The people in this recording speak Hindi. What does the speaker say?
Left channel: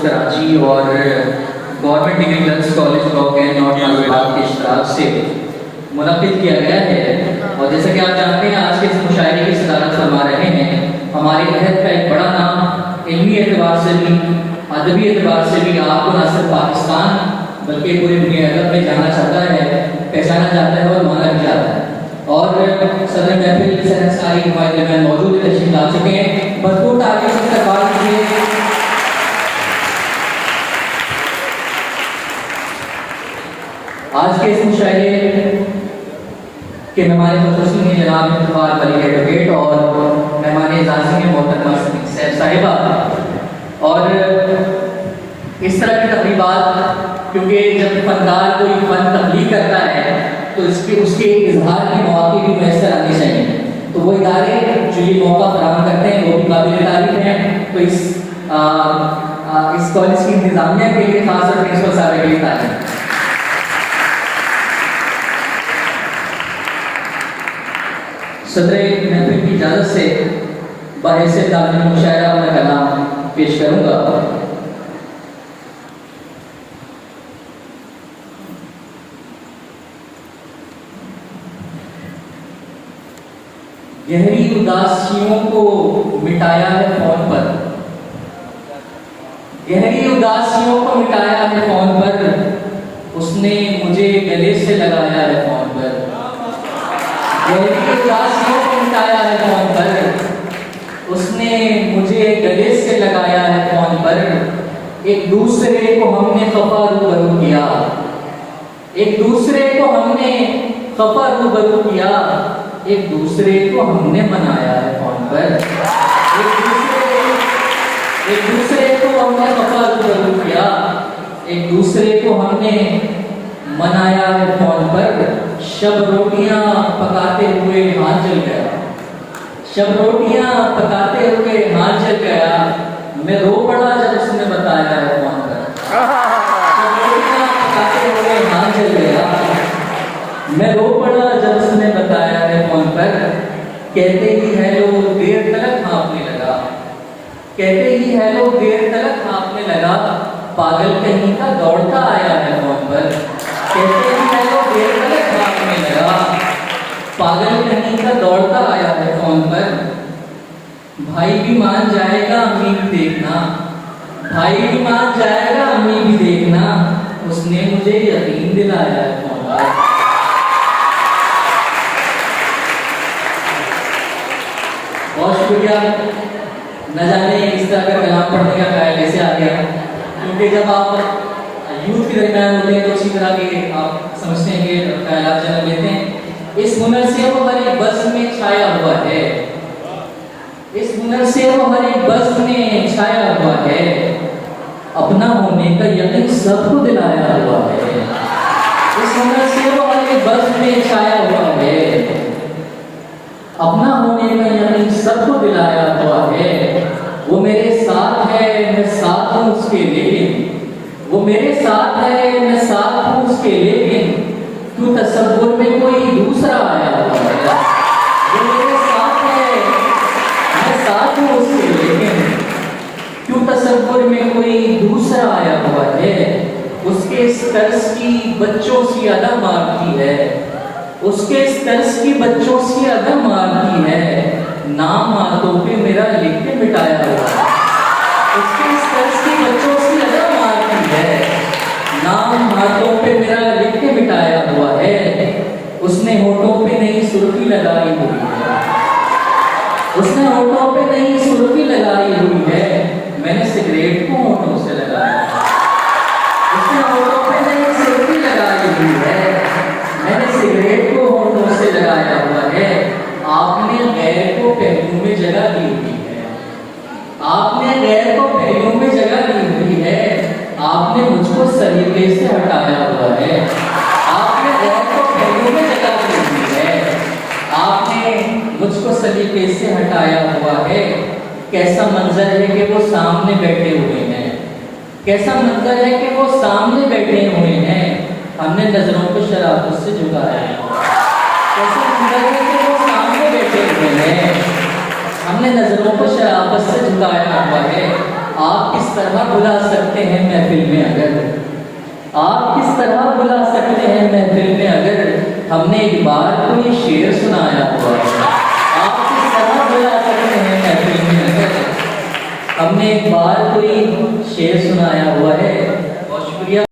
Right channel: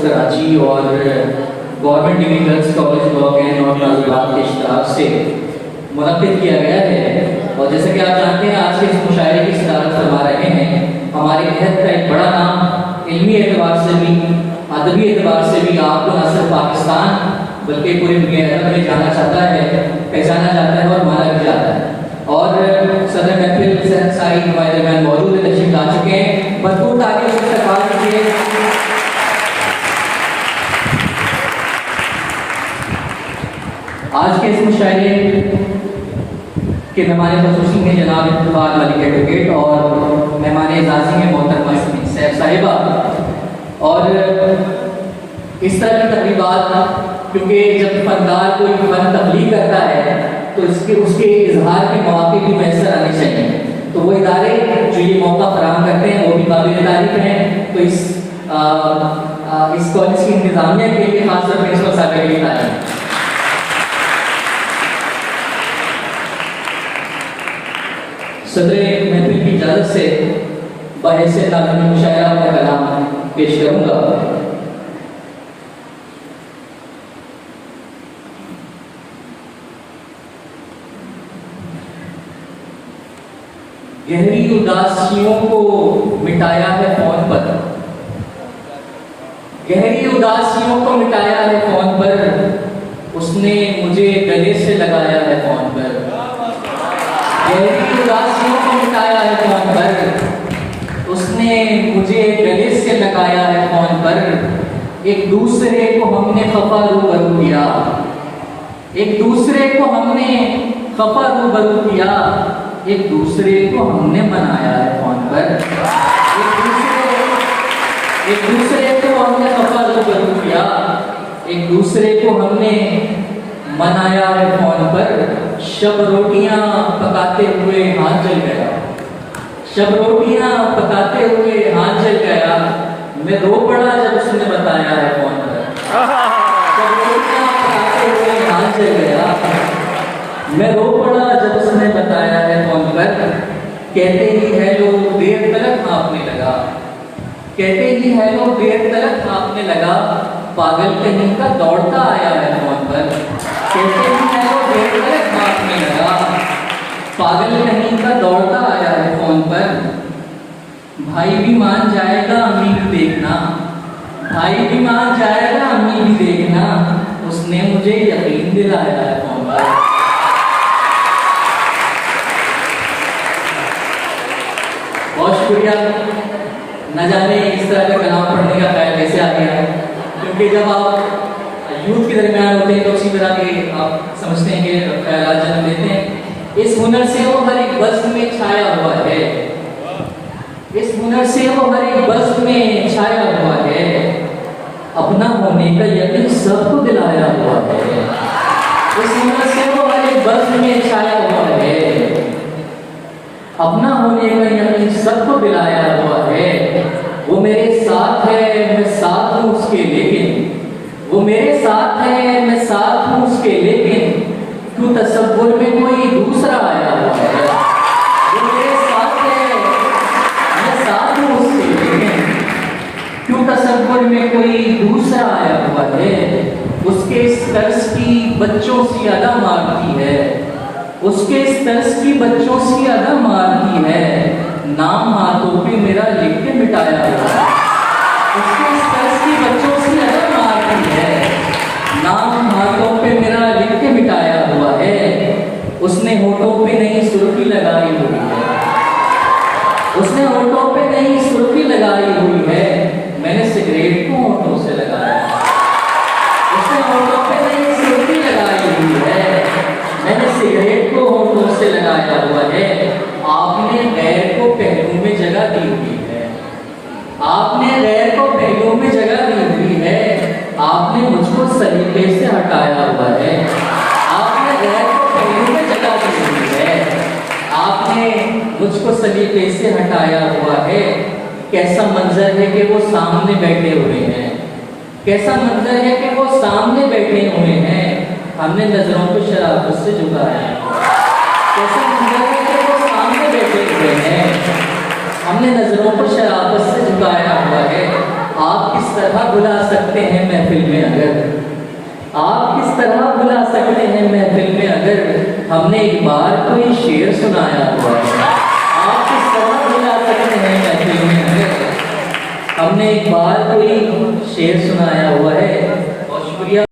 पोस्ट कराची और government degree girls college block and north Nazimabad के इश्तराक से मुनक़िद किया गया है। और जैसे कि आप जानते हैं आज के इस मुशायरे की सदारत फरमा रहे हैं हमारे अहद का एक बड़ा नाम इल्मी एतबार से भी अदबी एतबार से भी आपको न सिर्फ पाकिस्तान बल्कि पूरी दुनिया अरब में जाना चाहता है, पहचाना जाता है और माना भी जाता है। और सदर महफिल सहन सारी नुमाइंदे मौजूद है, तशरीफ ला चुके हैं। भरपूर तारीफ से इस्तकबाल कीजिए। आज के इस मुशायरे के मेहमान ख़ुसूसी हैं जनाब इक़बाल मलिक एडवोकेट और मेहमान एजाज़ी हैं मोहतरमा सैफ साहिबा। और इस तरह की तकरीबात क्योंकि जब फनकार कोई फन तब्लीग करता है तो उसके इजहार के मौके भी मैसर आने चाहिए, तो वो इदारे जो ये मौका फराहम करते हैं वो भी काबिल तारीफ हैं। तो इस कॉलेज की इंतजामिया के लिए खासतौर पर प्रिंसिपल साहब के लिए तारीफ। सदरे महफिल की इजाज़त से बाहिस्से ताज़ीम मुशायरा अपना कलाम पेश करूँगा। गहरी उदासियों को मिटाया है फोन पर, गहरी उदासियों को मिटाया है फोन पर, उसने मुझे गले से लगाया है फोन पर। गहरी उदासियों को मिटाया है फोन पर, उसने मुझे गले से लगाया है फोन पर। एक दूसरे को हमने खफा रूबरू किया, एक दूसरे को हमने खफा रूबरू किया, एक दूसरे को हमने मनाया है फोन पर। एक दूसरे को हमने खफा रूबरू किया, एक दूसरे को हमने मनाया है फोन पर। शब रोटियां पकाते हुए हाथ जल गया, शब रोटियां पकाते हुए हाथ जल गया, मैं रो पड़ा जब उसने बताया है फोन पर। शब रोटियां पकाते हुए हाथ जल गया, मैं रो पड़ा जब उसने बताया है फोन पर। कहते ही हेलो देर तक कांपने लगा, कहते ही हेलो देर तक कांपने लगा, पागल कहीं का दौड़ता आया है फोन पर। कहते ही हेलो देर तक कांपने लगा, पागल कहीं का दौड़ता आया है फोन पर। भाई भी मान जाएगा अम्मी भी देखना, भाई भी मान जाएगा अम्मी भी देखना, उसने मुझे यकीन दिलाया है फोन पर। बहुत शुक्रिया। न जाने इस तरह का कलाम पढ़ने का ख्याल कैसे आ गया, क्योंकि जब आप यूथ के दरमियान होते हैं तो अच्छी तरह के आप समझते हैं कि ख्याल जन्म लेते हैं। इस हुनर से वो हर एक बज़्म में छाया हुआ है, इस हुनर से वो हर एक बज़्म में छाया हुआ है, अपना होने का यकीन सबको दिलाया हुआ है। इस हुनर से वो हर एक बज़्म में छाया हुआ है, अपना होने का यकीन सबको दिलाया हुआ है। वो मेरे साथ है मैं साथ हूँ उसके, लेकिन वो मेरे साथ है मैं साथ हूँ उसके, लेकिन क्यों तसव्वुर में कोई दूसरा आया हुआ है। वो मेरे साथ है मैं साथ हूँ उसके, लेकिन क्यों तसव्वुर में कोई दूसरा आया हुआ है। उसके इस तरस की बच्चों सी अदा मारती है, उसके इस तरस की बच्चों सी अदा मारती है, नाम हाथों पे मेरा लिख के मिटाया हुआ है। उसके इस तरस की बच्चों सी अदा मारती है, नाम हाथों पे मेरा लिख के मिटाया हुआ है। उसने होठों पे नई सुर्खी लगाई हुई है, उसने होठों पे नई सुर्खी लगाई हुई है, मैंने सिगरेट को होठों से लगाया। उसने होठों पे नई सुर्खी लगाई हुई है, मैंने सिगरेट को होठों से लगाया हुआ है। आपने गैर को पहलू में जगह दी हुई है, आपने गैर को पहलू में जगह दी हुई है, आपने मुझको सलीके से हटाया हुआ है। आपने गैर को पहलू में जगह दी हुई है, आपने मुझको सलीके से हटाया हुआ है। कैसा मंजर है कि वो सामने बैठे हुए हैं, कैसा मंजर है कि वो सामने बैठे हुए हैं, हमने नजरों को शराफत से झुकाया है। कैसा मंजर है कि वो सामने बैठे हुए हैं, हमने नजरों को शराफत से झुकाया हुआ है। आपकी किस तरह बुला सकते हैं महफिल में अगर, आप किस तरह बुला सकते हैं महफिल में अगर हमने एक बार कोई शेर सुनाया हुआ है। आप किस तरह बुला सकते हैं महफिल में अगर हमने एक बार कोई शेर सुनाया हुआ है।